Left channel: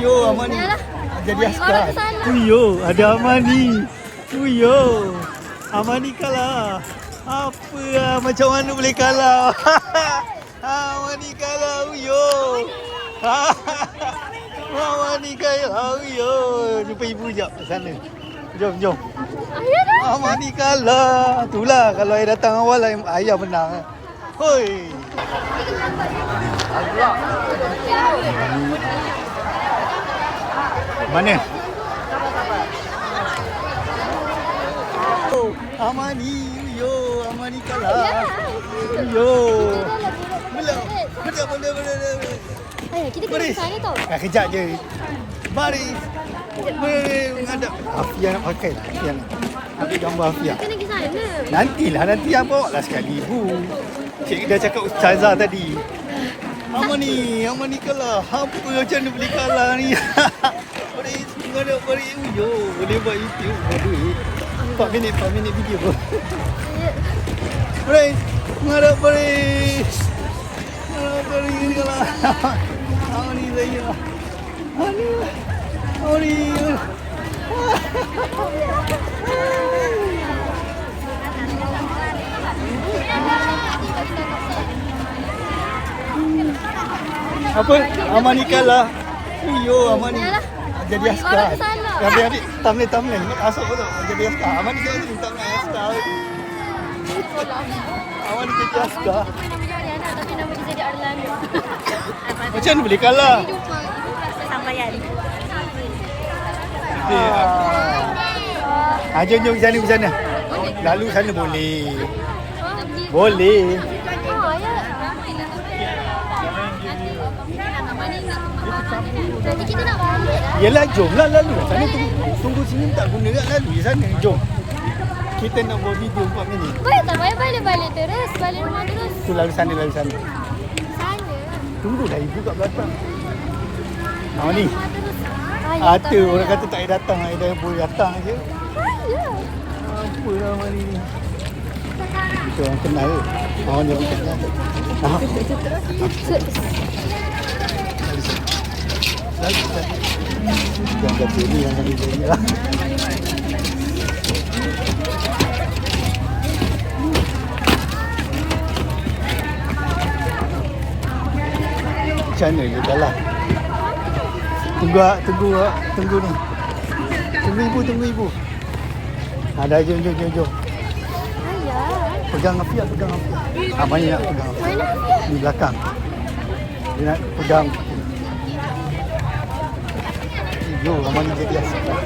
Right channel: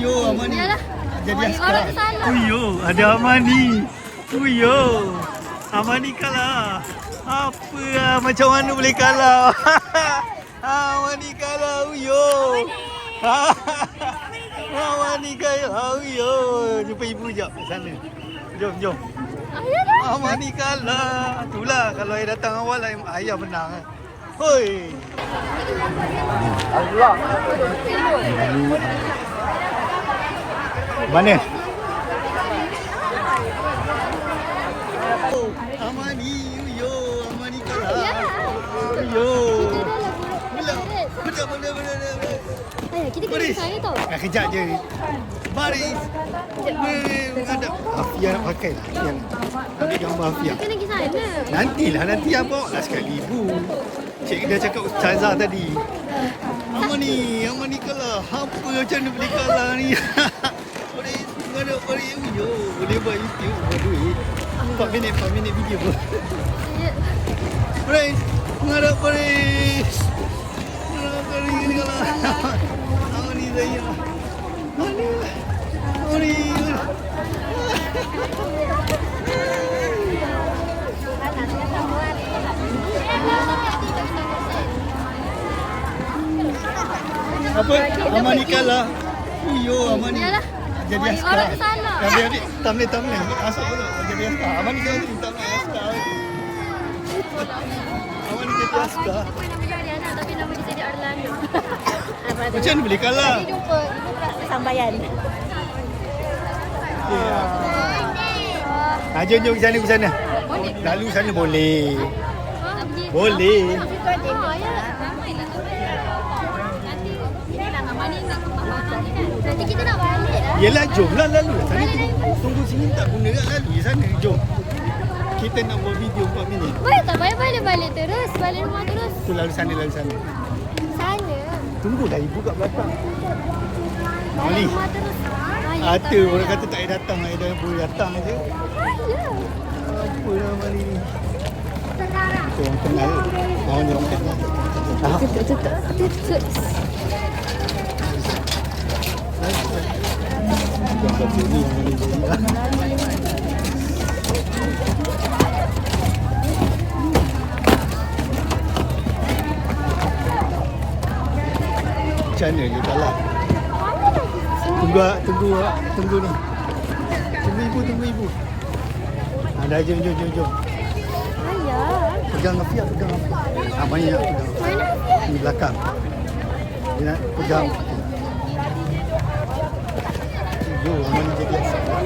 Uyo, Amani. Yalah. Jadi Orang askar. tersalah. Uyo, ada Amani. Uyo. Amani kalah. Apa lah, macam mana boleh kalah? Amani kalah, Uyo. Amani kalah, Uyo. Jumpa ibu sekejap sana. Jom. Amani kalah. Itulah kalau ayah datang awal, ayah menang. Hoi. Mana? Amani, Uyo, Amani kalah. Uyo. Boleh. Ayah, kita pergi Baris. sana tau. Kejap je. Baris. Menghadap. Afia nak pakai lah. Afia nak ambil gambar Afia. Kita pergi sana. Nanti yang bawa lah sekali ibu. Cik dah cakap Ustazah tadi. Amani kalah. Apa macam mana boleh kalah ni? Boleh Uyo. Boleh buat YouTube. Buat duit. 4 minit video pun. Baris. Menghadap Baris. Baris ni kalah. Amani saya. Amani. Apa? Amani kalah. Uyo, Amani. Yalah. Jadi askar. Orang tersalah. Ambil thumbnail. Masuk dulu. Jadi askar. Amani jangan jadi thumbnail askar. Amani jadi askar. Apa nama dia Ariana tapi nama dia jadi Arlando. Macam mana boleh kalah? Jumpa ibu kelas kesampaian. Jom ke sana. Lalu sana boleh. Boleh. Ya. Nanti kita nak balik lah. Yelah, jom lah lalu lah. Sana tunggu sini tak guna kat lalu di sana. Jom. Kita nak buat video 4 minit. Boleh tak balik terus? Balik rumah terus. Tu lalu sana. Sana. Tunggu dah ibu kat belakang. Ni. Rumah terus. Ada orang kata tak payah datang. Dah boleh datang aja. Apa nama ni? Kita orang kenal ke? Orang dia orang kenal. Jangan kata ni yang kami beri lah. Macam mana dia kalah? Tunggu ni. Tunggu ibu. Dah jom. Ayah. Pegang Afia. Mani nak pegang. Mana dia? Di belakang. Dia nak pegang. Yo, Amani jadi askar.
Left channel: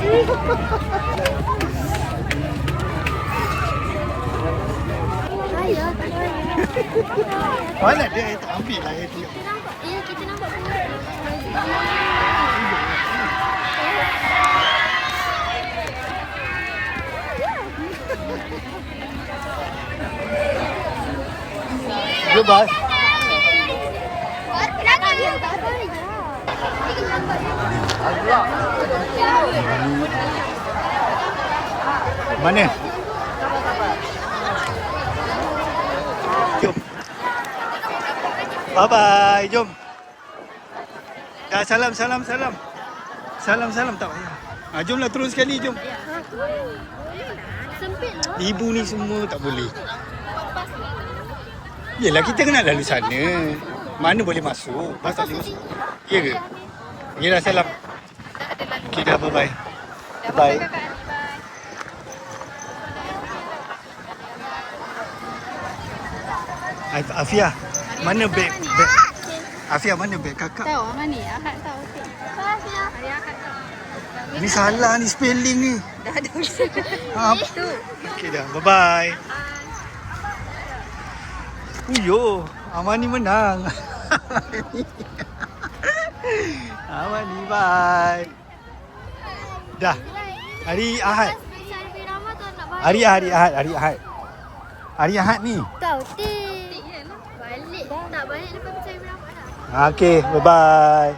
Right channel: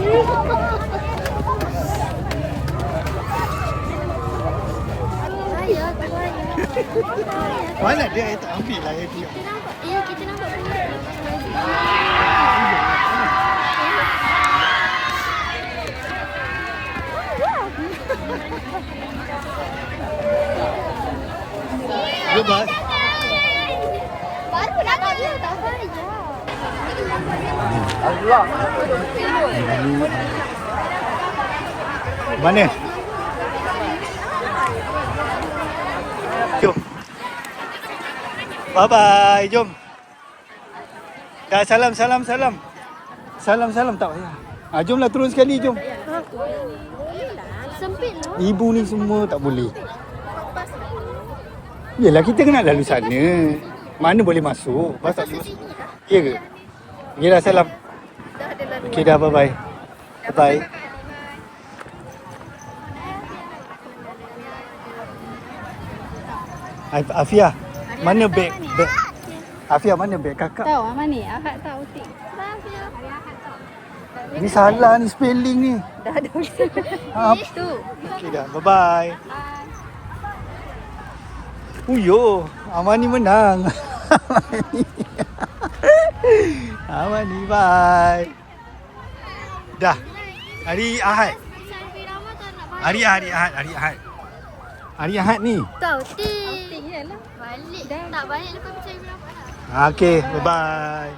Ayah, tak boleh. Mana dia? Tak ambil lah dia. Kita nampak. Ya, kita nampak benda. Yo, Bas. Baru dah tak apa ya. Mana? Jom. Bye-bye. Jom. Dah salam. Salam tak payah. Jomlah turun sekali, jom. Sempit lah. Ibu ni semua tak boleh. Yelah, kita kena lalu sana. Mana boleh masuk? Bas tak boleh masuk. Ya ke? Okey dah, salam. Okey dah, bye-bye. Bye. Afia, mana beg? Afia, mana beg kakak? Tahu mana ni? Akak tahu. Hari akak tahu. Ni salah ni spelling ni. Dah ada. Okey dah, bye-bye. Uyo, Amani menang. Amani, bye. Dah. Hari Ahad. Hari Ahad. Hari Ahad ni. Tahu balik. Tak balik lepas percaya berapa dah. Okey, bye-bye.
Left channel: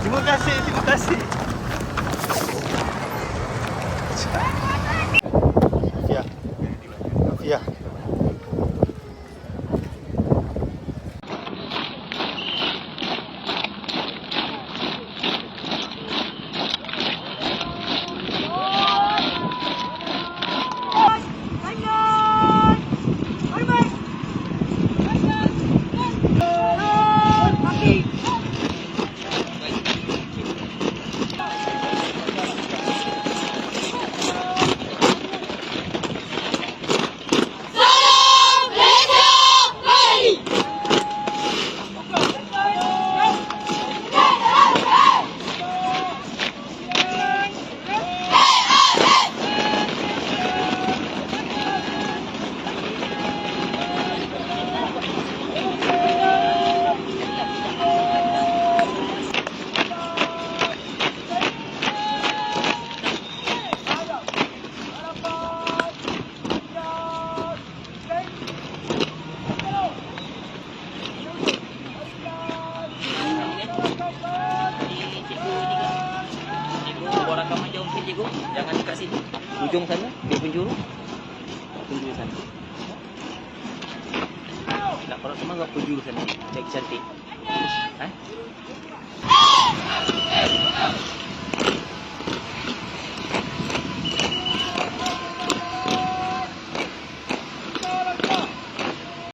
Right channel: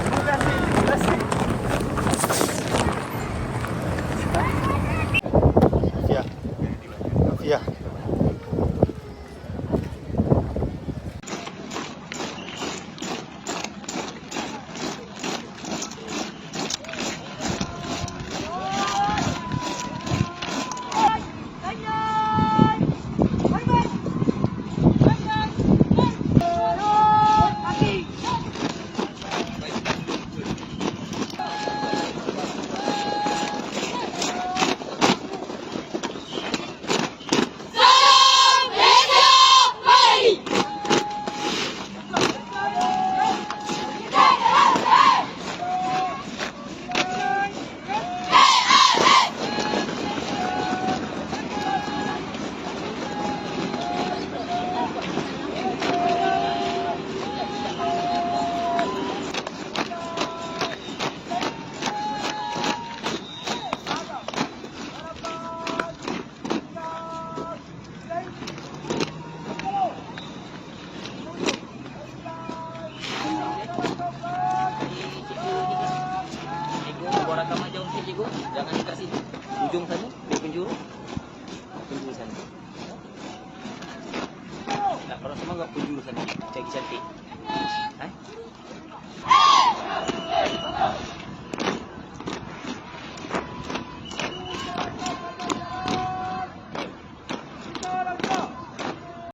Terima kasih. Afia. buat rakaman jauh sikit cikgu. Jangan dekat situ. Ujung sana, dia penjuru. Penjuru sana. Nak korang semua buat penjuru sana. Lagi cantik.